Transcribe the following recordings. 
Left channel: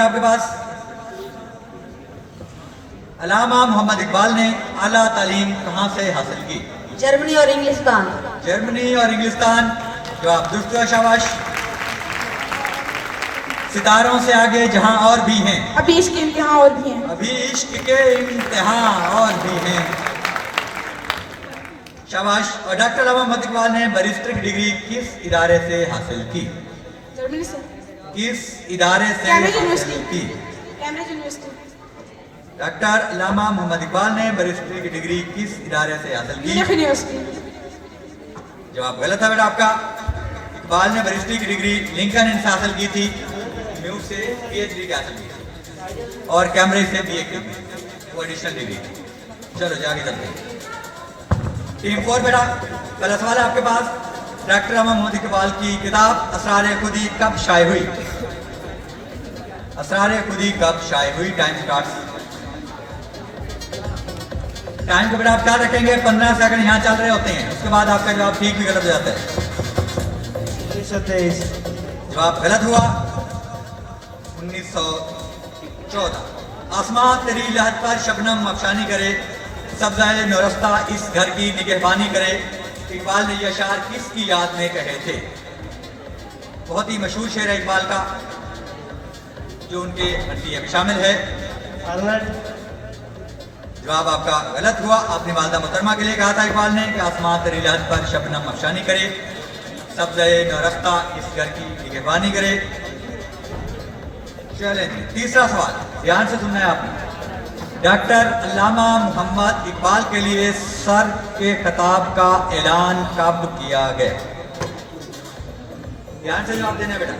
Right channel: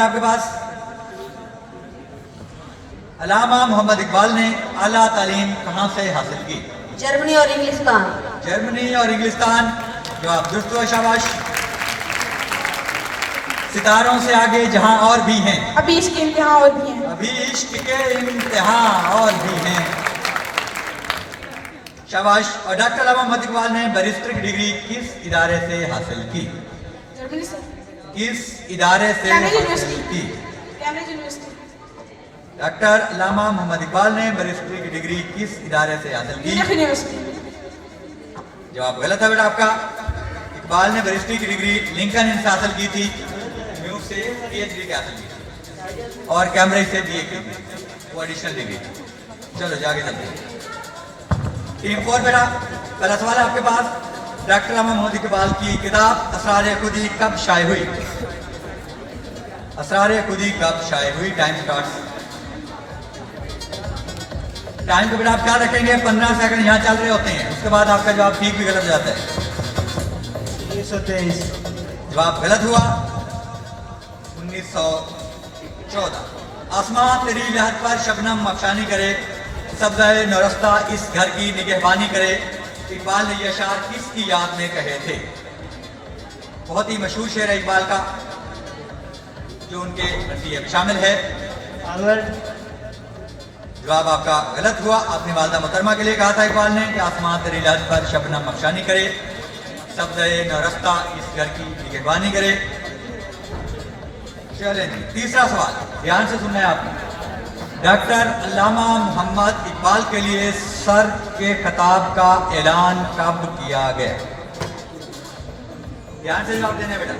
आपके पास अल्लामा मोहम्मद इकबाल ने आला तालीम कहाँ से हासिल की? जर्मनी और इंग्लिस्तान। जर्मनी और इंग्लिस्तान। जवाब दुरुस्त हुआ, शाबाश। सितारों से आगे जहां और भी हैं, अभी इश्क के इम्तिहान और भी हैं। अभी इश्क के इम्तिहान और भी हैं, शाबाश। और डॉक्टर अल्लामा मोहम्मद इकबाल ने बैरिस्टर की डिग्री किस इदारे से हासिल की? जर्मनी से। किस इदारे से कैम्ब्रिज हासिल यूनिवर्सिटी। की? Cambridge university. डॉक्टर अल्लामा मोहम्मद इकबाल ने बैरिस्टर की डिग्री किस इदारे से हासिल की? Munich university. जवाब गलत है बेटा आपका। इकबाल ने बैरिस्टर की डिग्री लिंकन से हासिल की थी, न्यू से पीएचडी हासिल की थी, और कैम्ब्रिज से बीए की थी, वो एडिशनल डिग्री थी। चलो जाके चलते हैं। टीम 4 बेटा, पहला सवाल है आपके पास। डॉक्टर अल्लामा मोहम्मद इकबाल की किताब असरार खुदी कब शाये हुई? असरार खुदी कब शाये हुई? Time start. टाइम को बेटा आप क्या रखेंगे? 15 सेकंड यहाँ चल रहे होते हैं, उसके बाद आपका जवाब ठीक भी गलत हो जाता है। 1923। जवाब गलत हुआ। 1914। आसमान तेरी लहर पर शबनम अफशानी करे, सब्ज़ाए नौरस्ता इस घर की निगहबानी करे। इकबाल ने यह अशार किसकी याद में कहे थे? बहुत ही मशहूर शेर है इकबाल का, जो उनके मरसिये में शामिल है। जवाब आपका गलत हुआ। आपने वालदा मोहतरमा के लिए कहा था इकबाल ने कि आसमान तेरी लहर पर शबनम अफशानी करे, सब्ज़ाए नौरस्ता इस घर की निगहबानी करे। चलें, तीसरा सवाल ध्यान से सुनना है आपने। डॉक्टर अल्लामा मोहम्मद इकबाल के लिए सर के खिताब का ऐलान कब किया गया? ध्यान से जवाब देना है बेटा,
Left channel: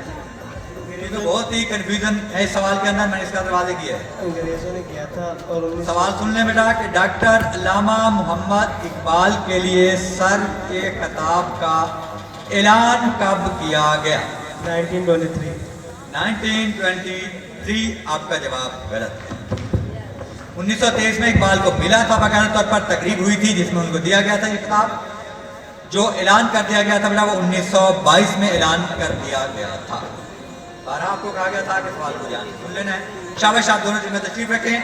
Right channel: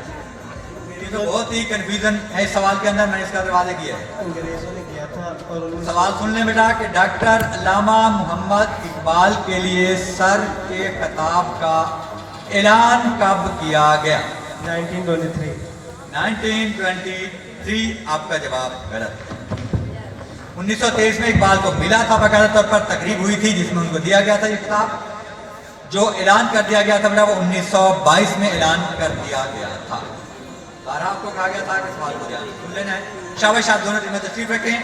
तो बहुत ही कंफ्यूजन है इस सवाल के अंदर। मैंने इसका दरवाजा किया है, अंग्रेजों ने किया था। और सवाल सुन ले बेटा कि डॉक्टर अल्लामा मोहम्मद इकबाल के लिए सर के खिताब का ऐलान कब किया गया? 1923। 1923। आपका जवाब गलत है। 1923 में इकबाल को मिला था, बाकायदा तौर पर तकरीब हुई थी जिसमें उनको दिया गया था ये किताब। जो ऐलान कर दिया गया था बेटा वो 1922 में ऐलान कर दिया गया था। बारह आपको कहा गया था कि सवाल को ध्यान से सुन लेना है। शाबाश, आप दोनों टीमें तशरीफ रखें।